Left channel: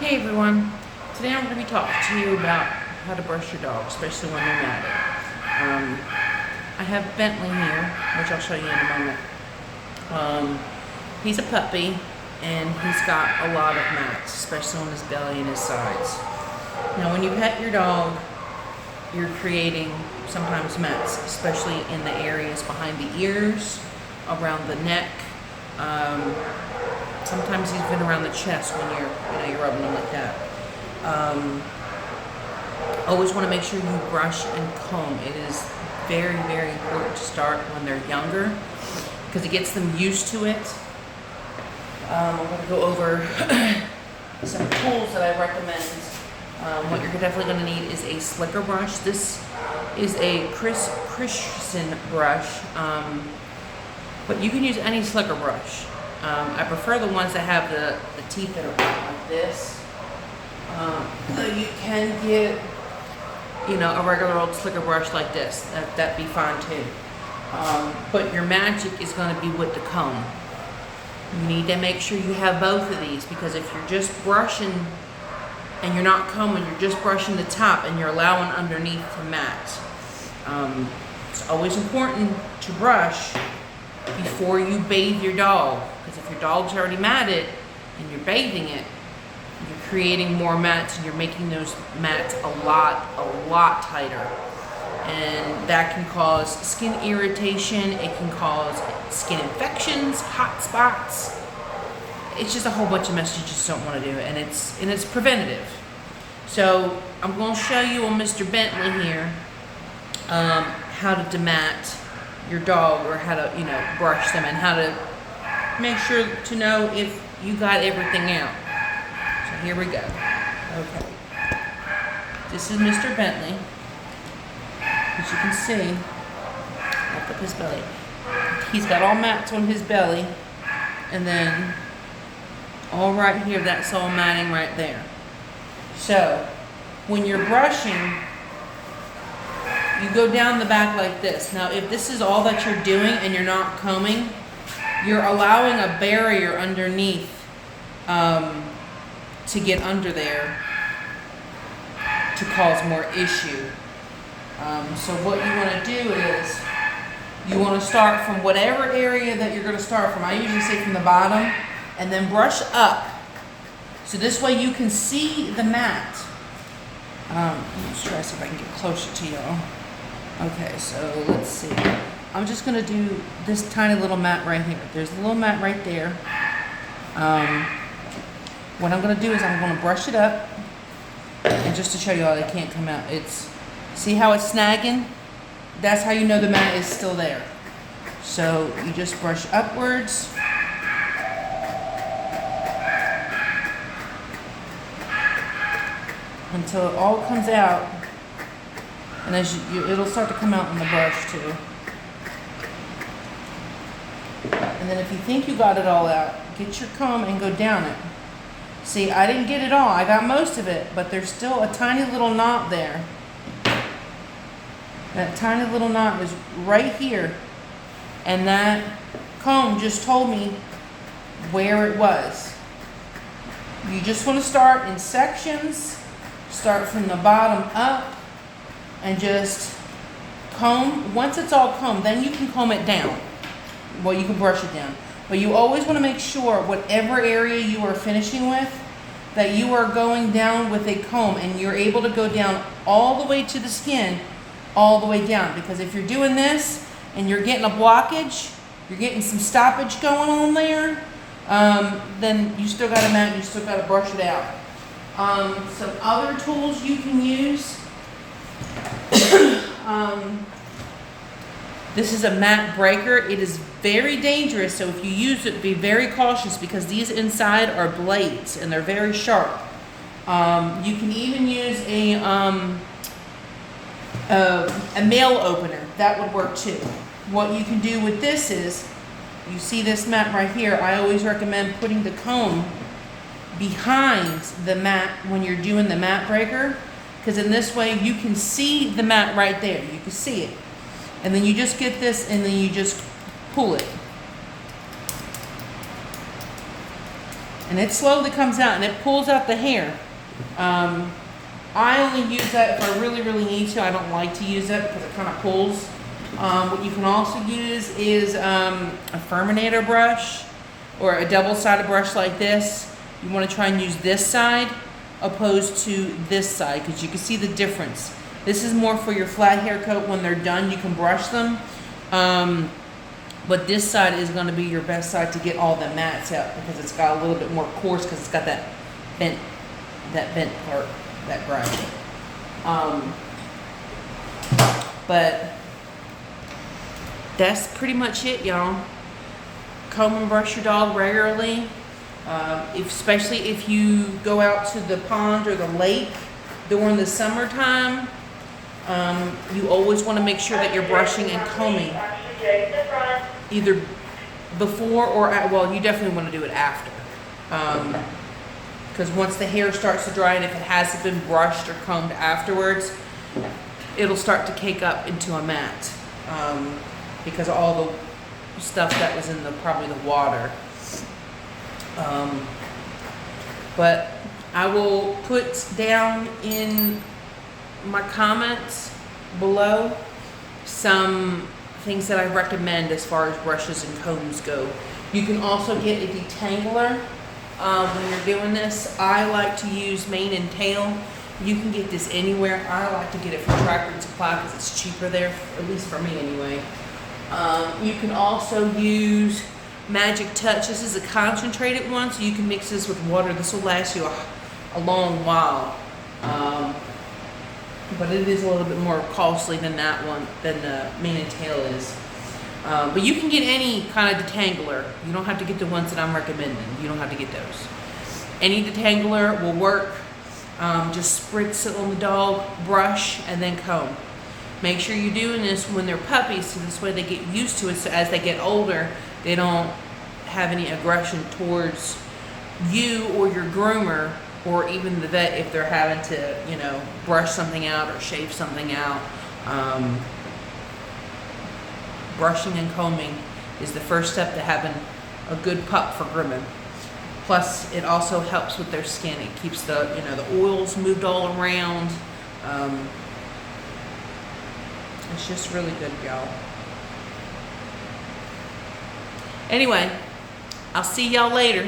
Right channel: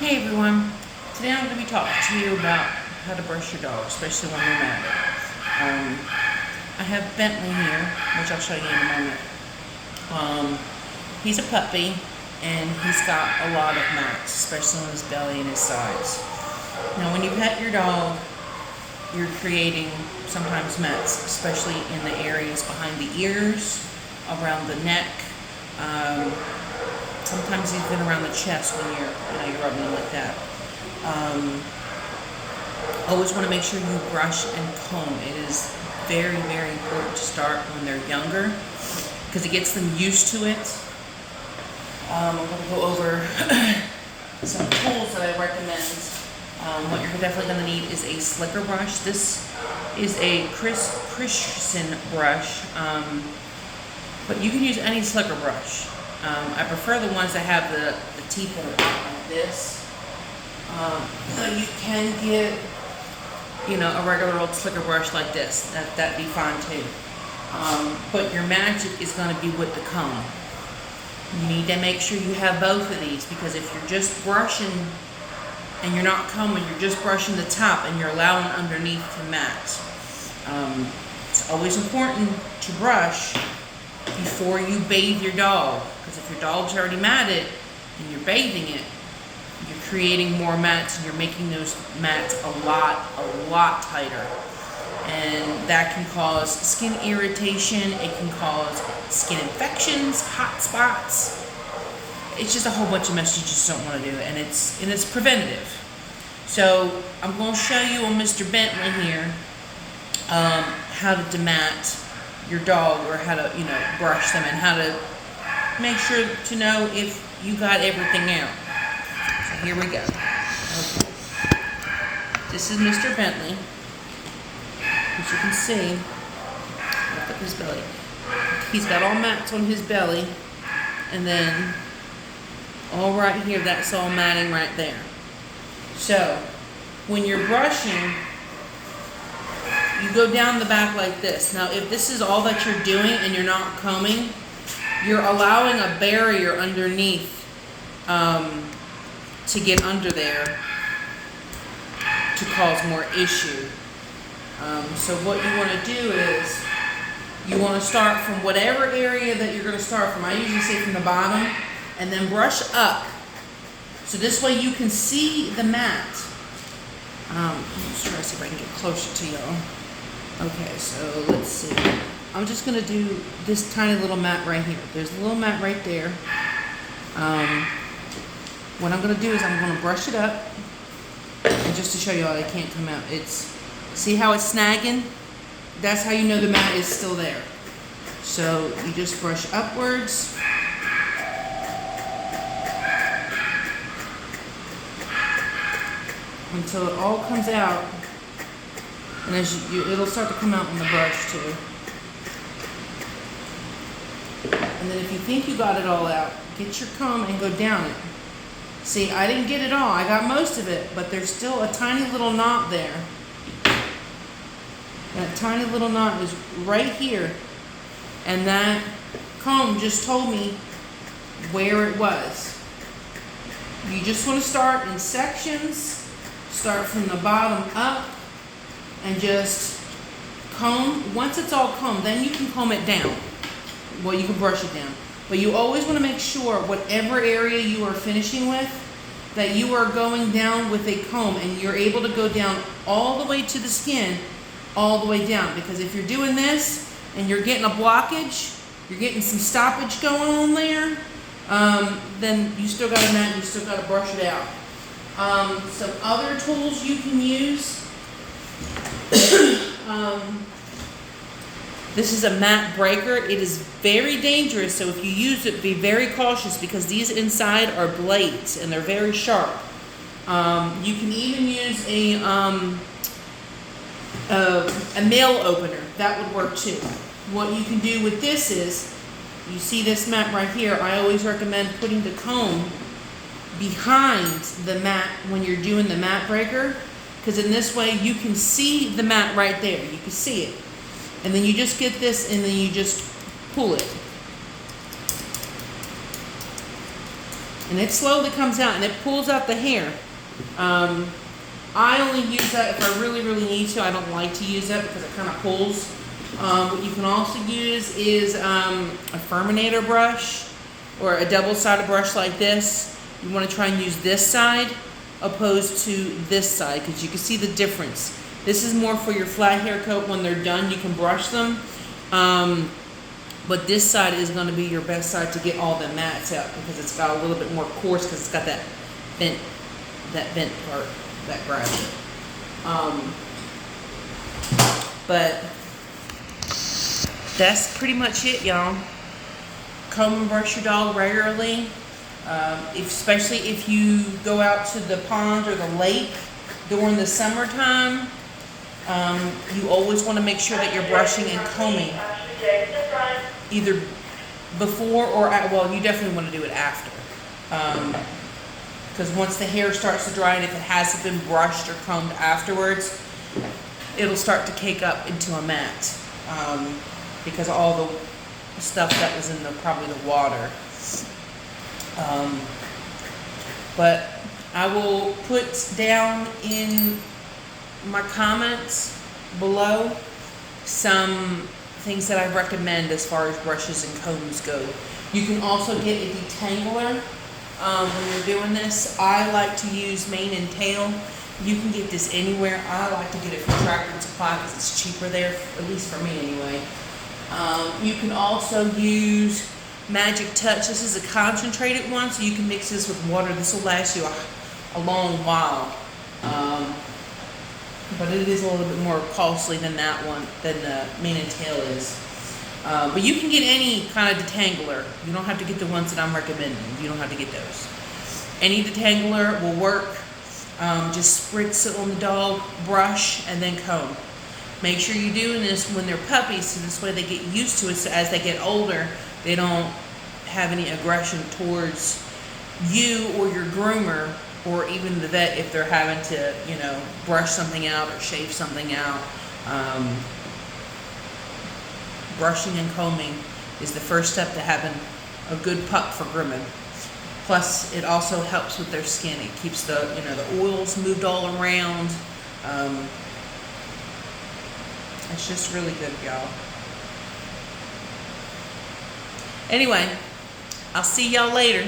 Hey everyone, today I'm going to be talking to you about how to brush your dog, especially when they're mad. I have Bentley here, which I'll show you in a moment. He's a puppy and he's got a lot of mats, especially on his belly and his sides. Now when you pet your dog, you're creating sometimes mats, especially in the areas behind the ears, around the neck, sometimes even around the chest when you're rubbing them like that. Always want to make sure you brush and comb. It is very, very important to start when they're younger because it gets them used to it. I'm going to go over some tools that I recommend. What you're definitely going to need is a slicker brush. This is a Christian brush, but you can use any slicker brush. I prefer the ones that have the teeth that are like this. You can get, a regular old slicker brush like this. That'd be fine too. But your magic is going to be with the comb. You need to make sure you have both of these because if you're just brushing and you're not combing, you're just brushing the top and you're allowing underneath to mat. It's always important to brush before you bathe your dog, because if your dog's already matted and you're bathing it, you're creating more mats and you're making those mats a lot tighter, and that can cause skin irritation. It can cause skin infections, hot spots. It's just a whole bunch of mess you just don't want to do, and it's preventative. So I'm going to show you on Mr. Bentley here how to demat your dog, or how to brush them, and how to make sure to know if you got everything out. So here we go. Okay, this is Mr. Bentley, as you can see. Look up his belly. He's got all mats on his belly, and then all right here, that's all matting right there. So when you're brushing, you go down the back like this. Now, if this is all that you're doing and you're not combing, you're allowing a barrier underneath to get under there to cause more issue. So what you want to do is you want to start from whatever area that you're going to start from. I usually say from the bottom and then brush up. So this way you can see the mat. Let me try to see if I can get closer to y'all. Okay, so let's see. I'm just going to do this tiny little mat right here. There's a little mat right there. What I'm going to do is I'm going to brush it up. And just to show you all, they can't come out. See how it's snagging? That's how you know the mat is still there. So you just brush upwards. Until it all comes out. And as it'll start to come out in the brush too. And then if you think you got it all out, get your comb and go down it. See, I didn't get it all. I got most of it, but there's still a tiny little knot there. That tiny little knot is right here. And that comb just told me where it was. You just want to start in sections. Start from the bottom up. And just comb. Once it's all combed, then you can comb it down. Well, you can brush it down. But you always want to make sure whatever area you are finishing with, that you are going down with a comb and you're able to go down all the way to the skin, all the way down. Because if you're doing this and you're getting a blockage, you're getting some stoppage going on there, then you still got to mat, you still got to brush it out. Some other tools you can use. This is a mat breaker. It is very dangerous, so if you use it, be very cautious because these inside are blades and they're very sharp. You can even use a nail opener. That would work too. What you can do with this is, you see this mat right here, I always recommend putting the comb behind the mat when you're doing the mat breaker. Because in this way, you can see the mat right there. You can see it. And then you just get this, and then you just pull it. And it slowly comes out and it pulls out the hair. I only use that if I really, really need to. I don't like to use it because it kind of pulls. What you can also use is a Furminator brush or a double-sided brush like this. You want to try and use this side opposed to this side because you can see the difference. This is more for your flat hair coat. When they're done, you can brush them. But this side is going to be your best side to get all the mats out because it's got a little bit more coarse because it's got that bent part, that brush. But that's pretty much it, y'all. Comb and brush your dog regularly, especially if you go out to the pond or the lake during the summertime. You always want to make sure that you're brushing and combing either before or well, you definitely want to do it after, because once the hair starts to dry and if it hasn't been brushed or combed afterwards, it'll start to cake up into a mat, because of all the stuff that was in probably the water. But I will put down in my comments below some things that I recommend as far as brushes and combs go. You can also get a detangler when you're doing this. I like to use mane and tail. You can get this anywhere. I like to get it from Tractor Supply because it's cheaper there, at least for me anyway. You can also use Magic Touch. This is a concentrated one, so you can mix this with water. This will last you a long while. But it is a little bit more costly than that one, than the mane and tail is. But you can get any kind of detangler. You don't have to get the ones that I'm recommending. You don't have to get those. Any detangler will work. Just spritz it on the dog, brush, and then comb. Make sure you're doing this when they're puppies, so this way they get used to it, so as they get older, they don't have any aggression towards you or your groomer, or even the vet if they're having to, you know, brush something out or shave something out. Brushing and combing is the first step to having a good pup for grooming. Plus, it also helps with their skin. It keeps the, you know, the oils moved all around. It's just really good, y'all. Anyway, I'll see y'all later.